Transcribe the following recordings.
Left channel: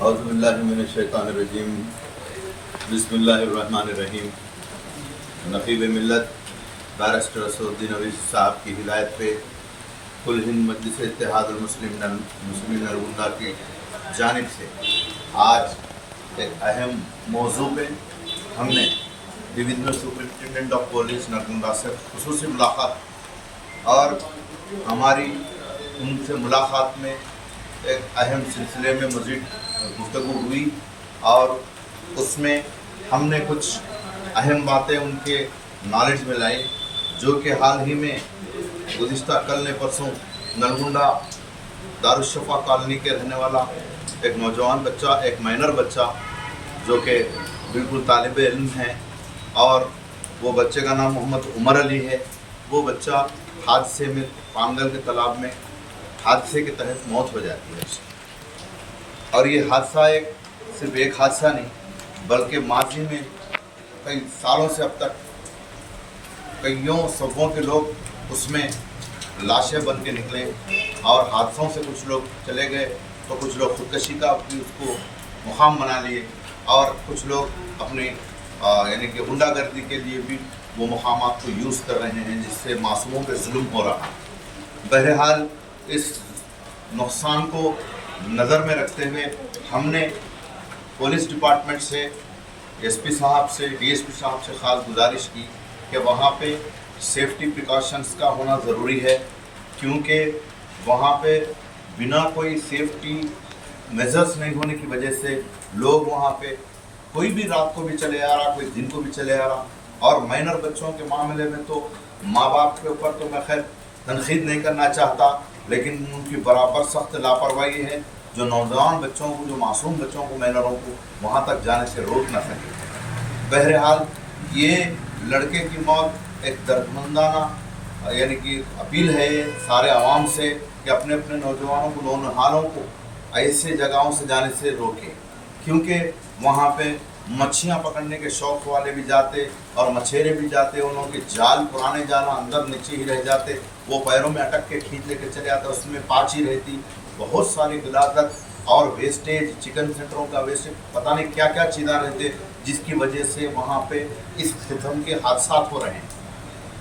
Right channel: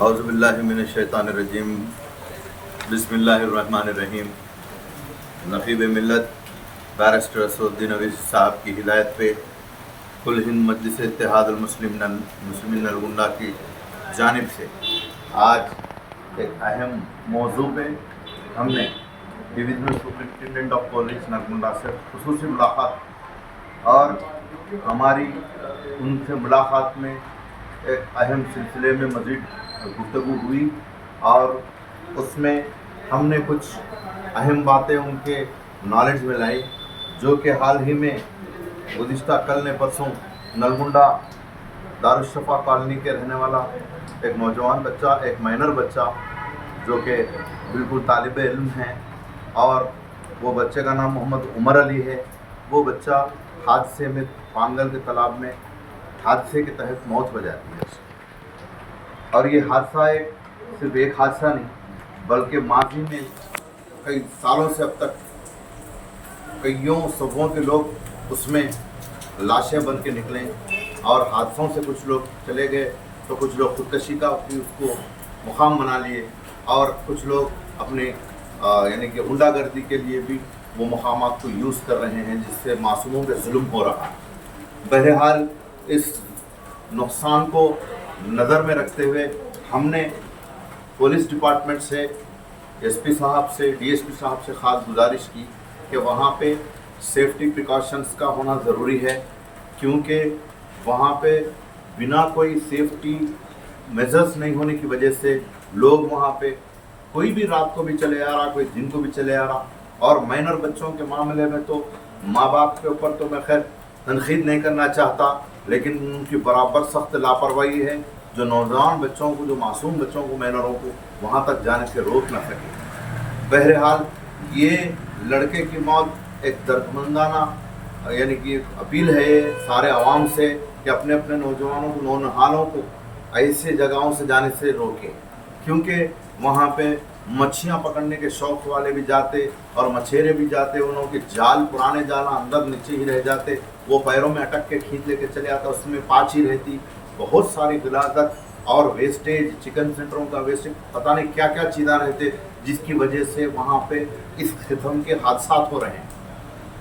اعوذ باللہ من الشیطان الرجیم بسم اللہ الرحمن الرحیم۔ نقیب ملت بیرسٹر اسد الدین اویسی صاحب کی ہدایت پہ کل ہند مجلس اتحاد المسلمین نلگنڈا کی جانب سے آج ایک اہم موضوع پہ ہم نے divisional superintendent of police Nalgonda سے خصوصی ملاقات اور ہماری ان سے ملاقات میں ایک اہم سلسلے میں مزید گفتگو ہوئی اور اس میں ہم نے کچھ اہم باتیں ان کے نالج میں لائی، جو کہ حال ہی میں گزشتہ کل نے پرسوں نلگنڈا دارالشفا کالونی کے رہنے والا ایک نوجوان بچہ، ایک مائنر بچہ جو کہ بالکل طالب علم ہے، اور وہ بچے کا نام محمد عمر علی ہے۔ وہ بچہ حادثے میں پانگل کے تالاب میں حادثے کے تحت موت ہو جاتی ہے، اور یہ حادثہ صرف ایک حادثہ نہیں بلکہ ماضی میں کئی سالوں سے اب تک کئیوں صفوں کے لوگ اس میں لاشیں بن کے نکلے، اور حادثوں سے کچھ لوگ چلے گئے تو کچھ لوگ خودکشی کا بھی اس کو مقام بنا لیے، اور کچھ لوگ اپنے یعنی کہ غنڈہ گردی کے لیے بھی وہ مقامات کو یوز کر رہے ہیں، جس سے معصوموں پہ ظلم ہو رہا ہے۔ بہرحال اس نقصان کو نظر میں رکھتے ہوئے ہم نے پولیس ڈپارٹمنٹ سے، ایس پی صاحب سے، ڈی ایس پی صاحب سے خاص گزارش کی کہ وہاں پہ سیفٹی پریکاشنز کا ہونا ضروری ہے، کیونکہ وہاں پہ بنا کوئی سیفٹی میجرز نہیں ہونے کی وجہ سے لوگ وہاں پہ کوئی بھی رات کو بھی چلے آ رہا، کوئی دن کو بھی چلے آ رہا، اور مائنر بچوں کے معاملے میں تو ماں باپ کے اوپر تو میں خیر تنقید نہیں کرنا چاہتا، لیکن ان کی برابر سخت لاپرواہی ہے جو نوجوان بچوں کو، جو معصوم بچوں کو، مائنروں کو وہاں تک جانے سے روک نہ سکے۔ بہرحال یہ لڑکے کی موت ایک دردمندانہ یعنی کہ اپیل ہے سارے عوام سے کہ اپنے اپنے نوجوانوں کو، نونہالوں کو ایسے جگہوں سے جانے سے روکے، کیونکہ وہاں پہ مچھیاں پکڑنے کے شوق والے بھی جاتے اور مچھیرے بھی جاتے، انہوں کے جال، پرانے جال اندر نیچے ہی رہ جاتے، وہ پیروں میں اٹک کے کھینچ لے کے چلے آتا، اس میں پاچی رہتی، بہت ساری غلاظت اور ویسٹیج، چکن سینٹروں کا ویسٹیج، پتہ نہیں کیا کیا چیزیں رہتے، جس کی وجہ سے وہاں پہ اس قسم کے حادثات ہو رہے ہیں۔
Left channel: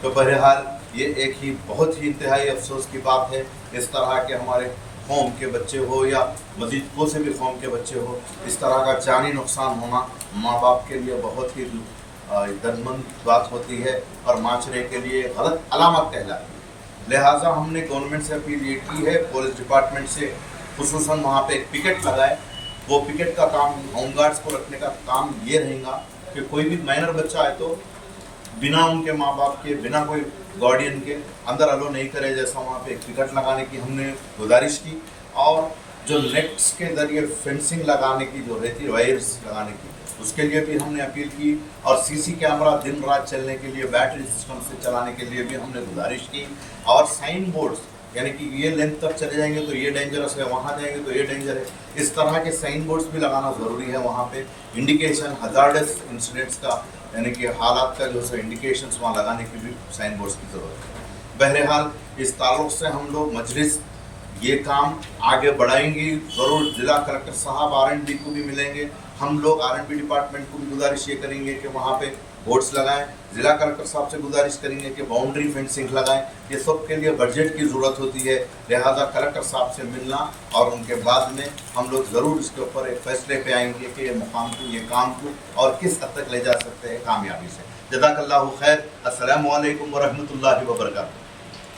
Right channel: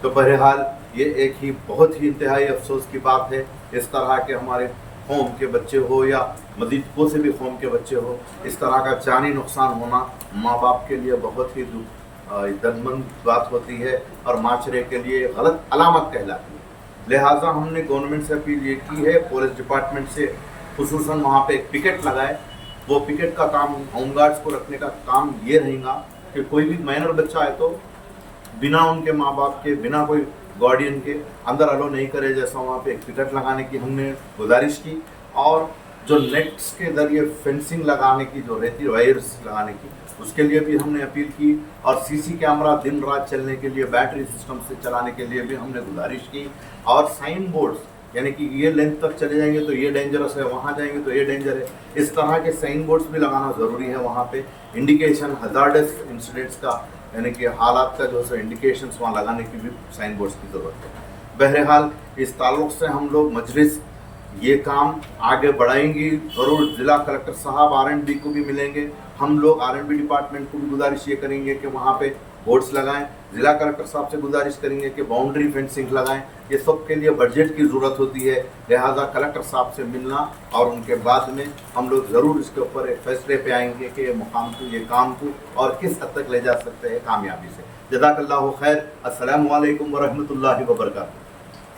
تو بہرحال یہ ایک ہی بہت ہی انتہائی افسوس کی بات ہے، اس طرح کے ہمارے قوم کے بچے ہو یا مزید کو سے بھی قوم کے بچے ہو، اس طرح کا جانی نقصان ہونا ماں باپ کے لیے بہت ہی دردمند بات ہوتی ہے، اور معاشرے کے لیے غلط علامت کہلاتی ہے۔ لہٰذا ہم نے گورنمنٹ سے اپیل یہ کی ہے، پولیس ڈپارٹمنٹ سے خصوصاً وہاں پہ ایک پکٹ لگائے۔ وہ پکٹ کا کام، ہوم گارڈز کو رکھنے کا کام یہ رہے گا کہ کوئی بھی مائنر بچہ ہے تو بنا ان کے ماں باپ کے، بنا کوئی گارڈین کے اندر الو نہیں کرے، جیسا وہاں پہ ایک پکٹ لگانے کی ہم نے گزارش کی، اور جو نیٹس کے ذریعے فینسنگ لگانے کی جو رہتی ہے، وائرس لگانے کی، اس کے لیے بھی ہم نے اپیل کی، اور سی سی کیمرہ دن رات چلنے کے لیے، بیٹری سسٹم سے چلانے کے لیے بھی ہم نے گزارش کی، اور سائن بورڈز یعنی کہ یہ لینتھ تک چلے جائیں گے تو یہ ڈینجرس ہے، وہاں جائیں گے تو یہ ڈینجر ہے، اس طرح کے سائن بورڈز بھی لگانا ضروری ہے وہاں پہ، انڈیکیشن ہزارڈس انسیڈنٹس کا یعنی کہ حالات کا جو ہے انڈیکیشنز وہاں لگانے کی بھی سائن بورڈز کی ضرورت ہے۔ بہرحال اس تعلق سے ہم لوگ مجلس یہ کام آگے بڑھائیں گی، ضرور ضلع کلکٹر صاحب R&B کو بھی ملیں گے، ہم لوگ R&B ڈپارٹمنٹ کو بھی گزارش یہ کریں گے کہ وہاں پہ بورڈز لگائیں، ضلع کلکٹر صاحب سے گزارش کریں گے کہ باؤنڈری فینسنگ لگائیں، یہ سب کے لیے بجٹ کی ضرورت ہوتی ہے، لہٰذا کلکٹر صاحب سے ملنا، اور ان کے بعد میں ہم لوگ ضرور اس کے اوپر ایک فیصلے پہ آئیں گے کہ یہ مقام کو، یہ کام کو اور کس حد تک لے جا سکتے ہیں کامیابی سے۔ جزاک اللہ خیر۔ السلام علیکم ورحمۃ اللہ وبرکاتہ۔